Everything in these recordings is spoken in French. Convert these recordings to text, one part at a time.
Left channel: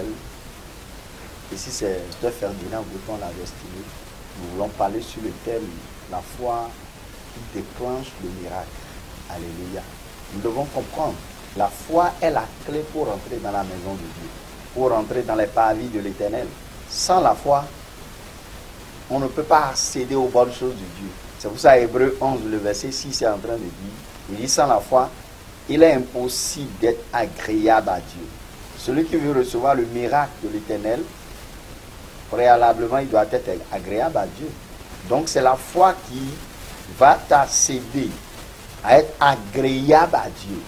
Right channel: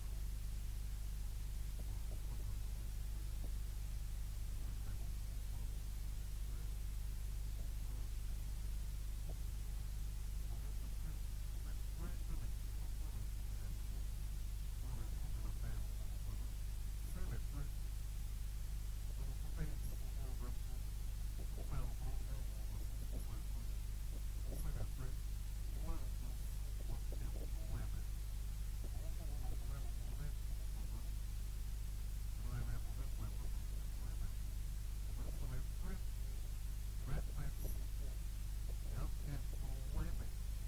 l'éternel. Ici, c'est de Ferdinand Breton, la destinée. Nous voulons parler sur le thème la foi qui déclenche le miracle. Alléluia. Nous devons comprendre, la foi est la clé pour entrer dans la maison de Dieu, pour entrer dans les parvis de l'éternel. Sans la foi, on ne peut pas accéder aux bonnes choses de Dieu. C'est pour ça, Hébreux 11, le verset 6 est en train de dire, il dit, sans la foi, il est impossible d'être agréable à Dieu. Celui qui veut recevoir le miracle de l'éternel, préalablement, il doit être agréable à Dieu. Donc, c'est la foi qui va t'accéder à être agréable à Dieu.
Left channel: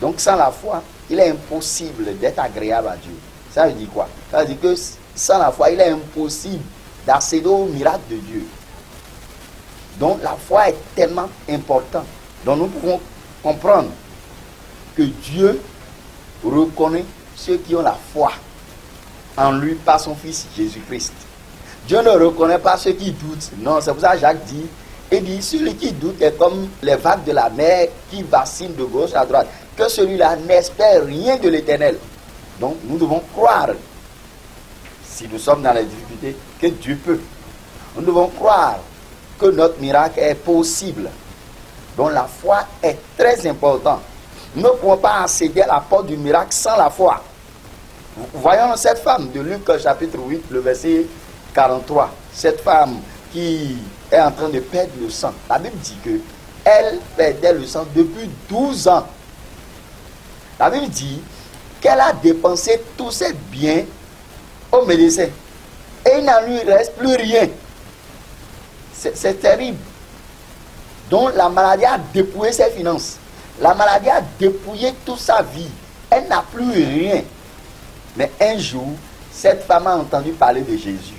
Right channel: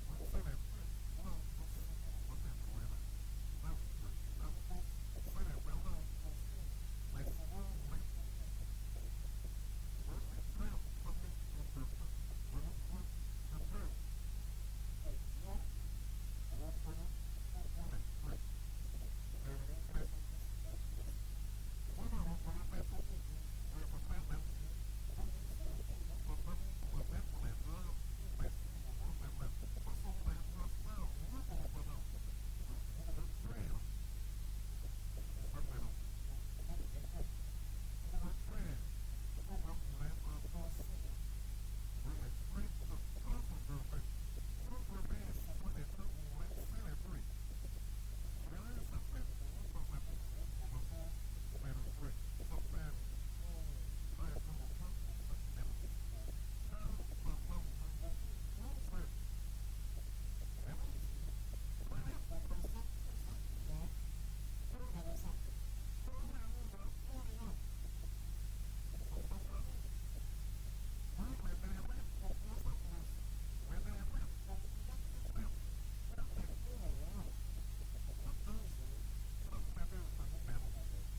Donc, sans la foi, il est impossible d'être agréable à Dieu. Ça veut dire quoi? Ça veut dire que sans la foi, il est impossible d'accéder au miracle de Dieu. Donc, la foi est tellement importante. Donc, nous pouvons comprendre que Dieu reconnaît ceux qui ont la foi en lui par son Fils Jésus-Christ. Dieu ne reconnaît pas ceux qui doutent. Non, c'est pour ça que Jacques dit, il dit, celui qui doute est comme les vagues de la mer qui vacillent de gauche à droite. Que celui-là n'espère rien de l'éternel. Donc, nous devons croire, si nous sommes dans les difficultés, que Dieu peut. Nous devons croire que notre miracle est possible. Donc, la foi est très importante. Nous ne pouvons pas accéder à la porte du miracle sans la foi. Voyons cette femme de Luc chapitre 8, le verset 43. Cette femme qui est en train de perdre le sang. La Bible dit que elle perdait le sang depuis 12 ans. La Bible dit qu'elle a dépensé tous ses biens au médecin. Et il n'en lui reste plus rien. C'est terrible. Donc la maladie a dépouillé ses finances. La maladie a dépouillé toute sa vie. Elle n'a plus rien. Mais un jour, cette femme a entendu parler de Jésus.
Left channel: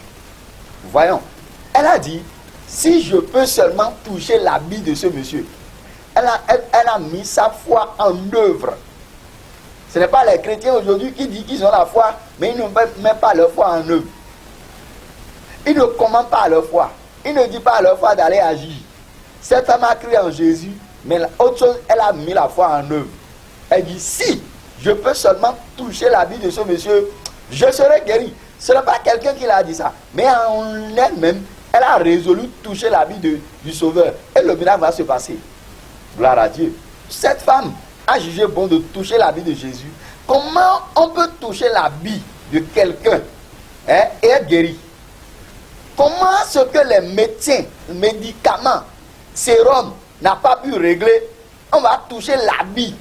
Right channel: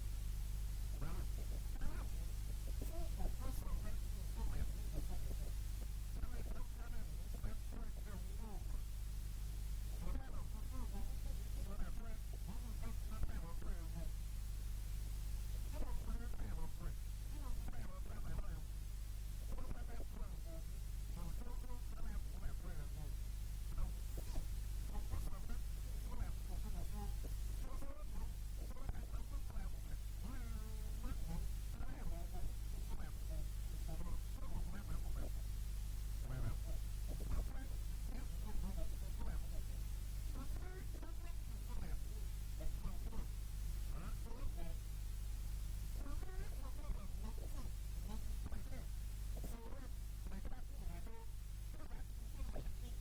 Voyons, elle a dit, si je peux seulement toucher l'habit de ce monsieur. Elle a mis sa foi en œuvre. Ce n'est pas les chrétiens aujourd'hui qui disent qu'ils ont la foi, mais ils ne mettent même pas leur foi en œuvre. Ils ne commandent pas leur foi. Ils ne disent pas à leur foi d'aller agir. Cette femme a crié en Jésus, mais autre chose, elle a mis la foi en œuvre. Elle dit, si je peux seulement toucher l'habit de ce monsieur, je serai guéri. Ce n'est pas quelqu'un qui l'a dit ça, mais en elle-même, elle a résolu toucher l'habit du Sauveur. Et le miracle va se passer. Gloire à Dieu. Cette femme a jugé bon de toucher l'habit de Jésus. Comment on peut toucher l'habit de quelqu'un et être guéri? Comment ce que les médecins, médicaments, sérum n'a pas pu régler, on va toucher l'habit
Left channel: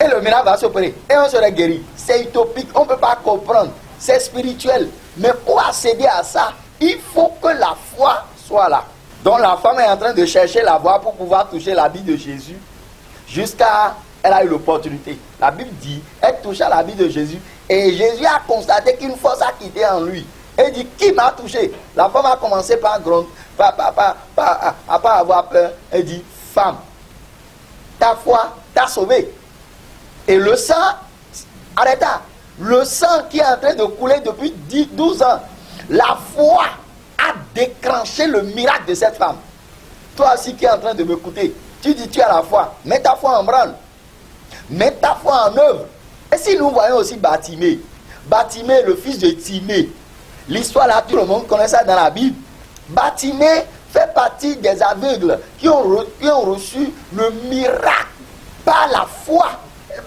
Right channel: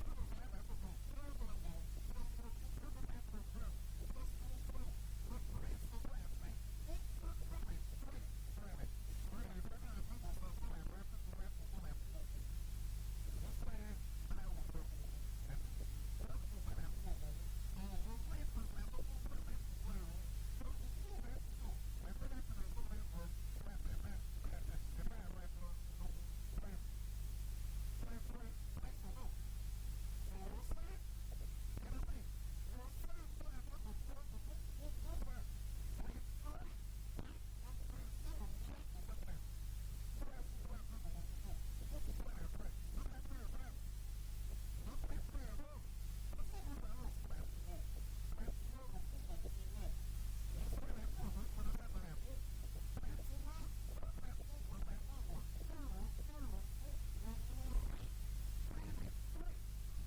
et le miracle va s'opérer et on sera guéri. C'est utopique, on ne peut pas comprendre. C'est spirituel. Mais pour accéder à ça, il faut que la foi soit là. Donc la femme est en train de chercher la voie pour pouvoir toucher l'habit de Jésus jusqu'à elle a eu l'opportunité. La Bible dit, elle toucha l'habit de Jésus et Jésus a constaté qu'une force a quitté en lui. Elle dit, qui m'a touché? La femme a commencé par gronder, à pas avoir peur. Elle dit, femme, ta foi t'a sauvé. Et le sang, arrêta. Le sang qui est en train de couler depuis 12 ans, la foi a déclenché le miracle de cette femme. Toi aussi qui es en train de m'écouter, tu dis tu as la foi, mets ta foi en branle. Mets ta foi en œuvre. Et si nous voyons aussi Bartimée, Bartimée, le fils de Timée, l'histoire là, tout le monde connaît ça dans la Bible. Bartimée fait partie des aveugles qui ont reçu le miracle par la foi.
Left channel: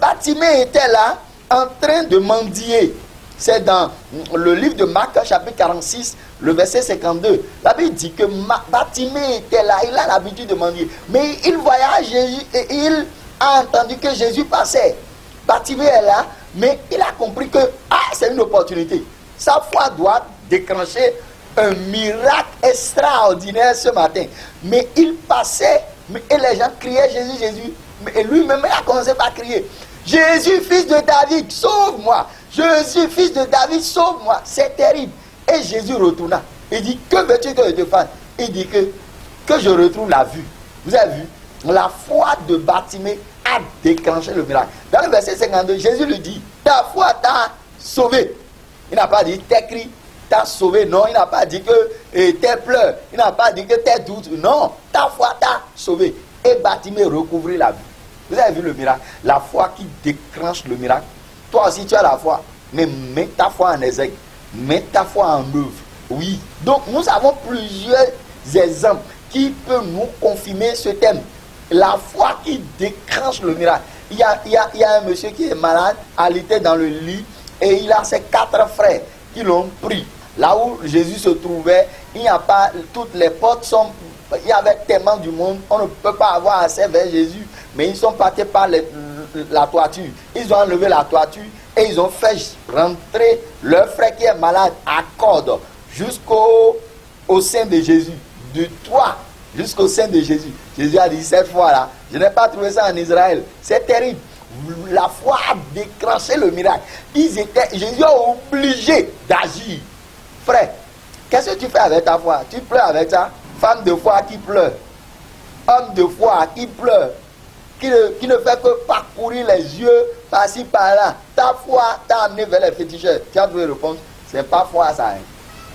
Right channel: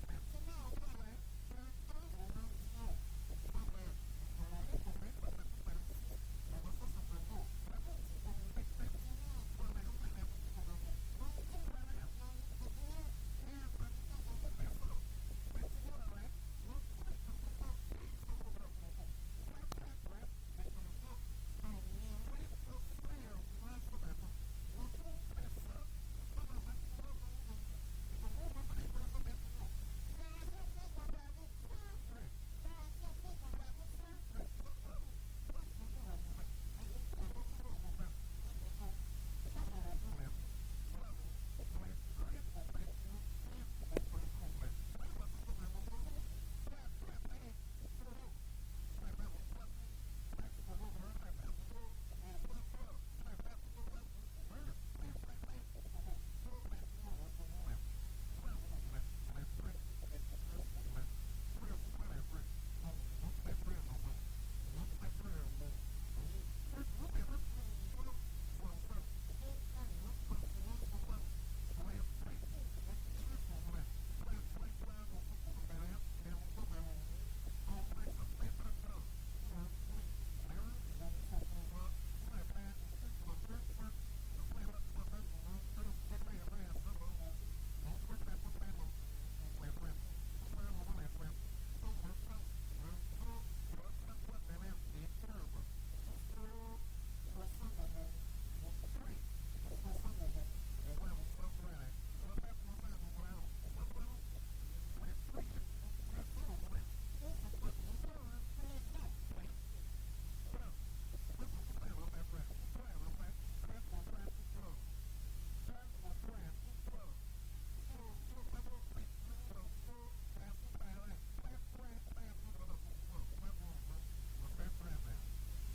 Bartimée était là en train de mendier. C'est dans le livre de Marc, chapitre 46, le verset 52. La Bible dit que Bartimée était là, il a l'habitude de mendier. Mais il voyait Jésus et il a entendu que Jésus passait. Bartimée est là, mais il a compris que c'est une opportunité. Sa foi doit déclencher un miracle extraordinaire ce matin. Mais il passait, et les gens criaient Jésus, Jésus. Et lui-même, il a commencé par crier, Jésus, fils de David, sauve-moi. Jésus, fils de David, sauve-moi. C'est terrible. Et Jésus retourna. Il dit, que veux-tu que je te fasse? Il dit que je retrouve la vue. Vous avez vu? La foi de Bartimée a déclenché le miracle. Dans le verset 52, Jésus lui dit, ta foi t'a sauvé. Il n'a pas dit tes cris t'a sauvé. Non, il n'a pas dit que tes pleurs. Il n'a pas dit que tes doutes. Non, ta foi t'a sauvé. Et Bartimée recouvrit la vue. Vous avez vu le miracle? La foi qui déclenche le miracle. Toi aussi, tu as la foi. mais mets ta foi en exergue, mets ta foi en œuvre. Oui. Donc nous avons plusieurs exemples qui peuvent nous confirmer ce thème. La foi qui déclenche le miracle. Il y a un monsieur qui est malade, alité dans le lit, et il a ses 4 frères qui l'ont pris. Là où Jésus se trouvait, il n'y a pas, toutes les portes sont, il y avait tellement du monde, on ne peut pas avoir accès vers Jésus, mais ils sont partis par la toiture. Ils ont enlevé la toiture et ils ont fait rentrer leur frère qui est malade à corde jusqu'au sein de Jésus, du toit jusqu'au sein de Jésus. Jésus a dit, cette fois-là, je n'ai pas trouvé ça en Israël. C'est terrible. La foi a déclenché le miracle. Jésus est obligé d'agir. Frère, qu'est-ce que tu fais avec ta foi? Tu pleures avec ça? Femme de foi qui pleure. Homme de foi qui pleure. Qui ne fait que parcourir les yeux par-ci, par-là. Ta foi t'a amené vers les féticheurs. Tu as trouvé la réponse? C'est pas foi ça. Hein.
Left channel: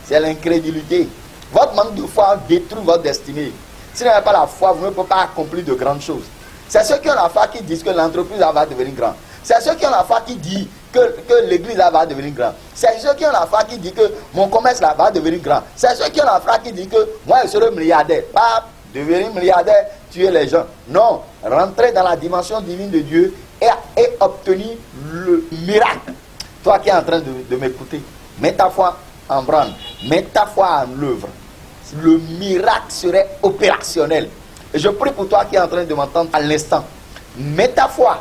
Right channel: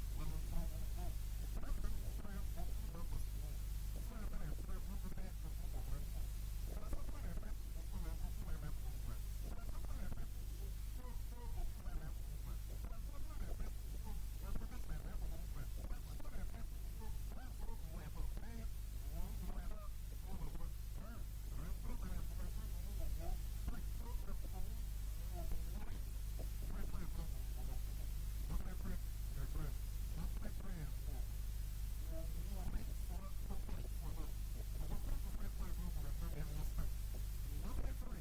C'est l'incrédulité. Votre manque de foi détruit votre destinée. Si vous n'avez pas la foi, vous ne pouvez pas accomplir de grandes choses. C'est ceux qui ont la foi qui disent que l'entreprise va devenir grande. C'est ceux qui ont la foi qui disent que l'église va devenir grande. C'est ceux qui ont la foi qui disent que mon commerce va devenir grand. C'est ceux qui ont la foi qui disent que moi je serai milliardaire. Pas devenir milliardaire, tuer les gens. Non, rentrer dans la dimension divine de Dieu et obtenir le miracle. Toi qui es en train de m'écouter, mets ta foi en branle, mets ta foi en œuvre. Le miracle serait opérationnel. Et je prie pour toi qui es en train de m'entendre à l'instant. Mets ta foi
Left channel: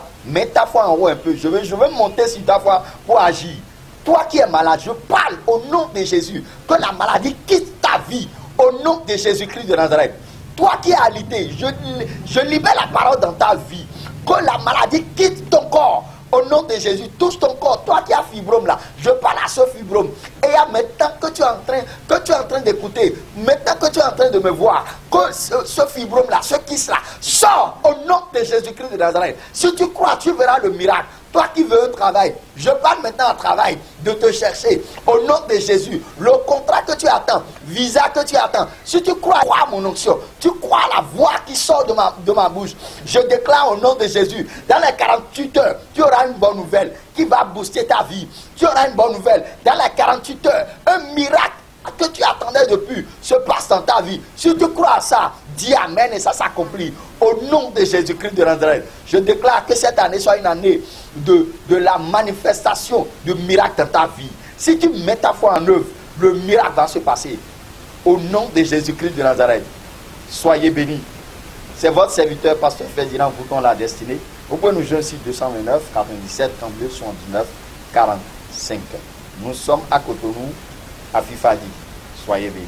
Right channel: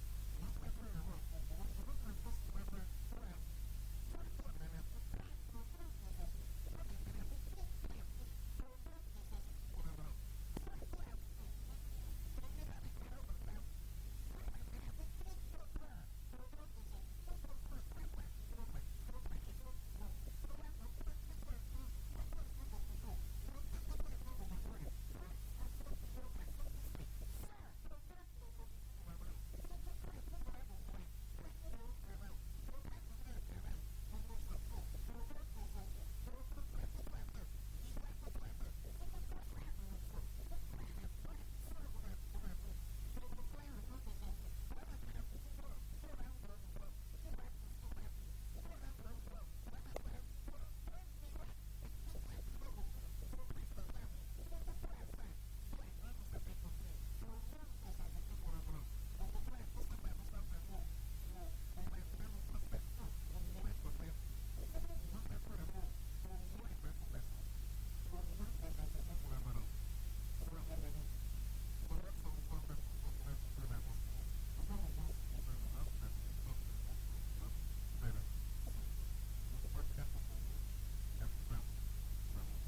en haut un peu. Je veux monter sur ta foi pour agir. Toi qui es malade, je parle au nom de Jésus. Que la maladie quitte ta vie au nom de Jésus-Christ de Nazareth. Toi qui es alité, je libère la parole dans ta vie. Que la maladie quitte ton corps. Au nom de Jésus, touche ton corps. Toi qui as fibrome là, je parle à ce fibrome. Et maintenant que tu es en train d'écouter, maintenant que tu es en train de me voir, que ce fibrome là, ce kyste là, sort au nom de Jésus-Christ de Nazareth. Si tu crois, tu verras le miracle. Toi qui veux un travail, je parle maintenant au travail, de te chercher. Au nom de Jésus, le contrat que tu attends, visa que tu attends, si tu crois à mon onction, tu crois à la voix qui sort de ma bouche, je déclare au nom de Jésus, dans les 48 heures, tu auras une bonne nouvelle qui va booster ta vie. Tu auras une bonne nouvelle. Dans les 48 heures, un miracle que tu attendais depuis se passe dans ta vie. Si tu crois à ça, dis Amen et ça s'accomplit. Au nom de Jésus-Christ de Nazareth, je déclare que cette année soit une année de la manifestation du miracle dans ta vie. Si tu mets ta foi en œuvre, le miracle va se passer. Au nom de Jésus-Christ de Nazareth, soyez bénis. C'est votre serviteur, Pasteur Ferdinand Bouton, la destinée. Vous pouvez nous joindre sur 229 97 32 79 45. Nous sommes à Cotonou, à Fifadi. Soyez bénis.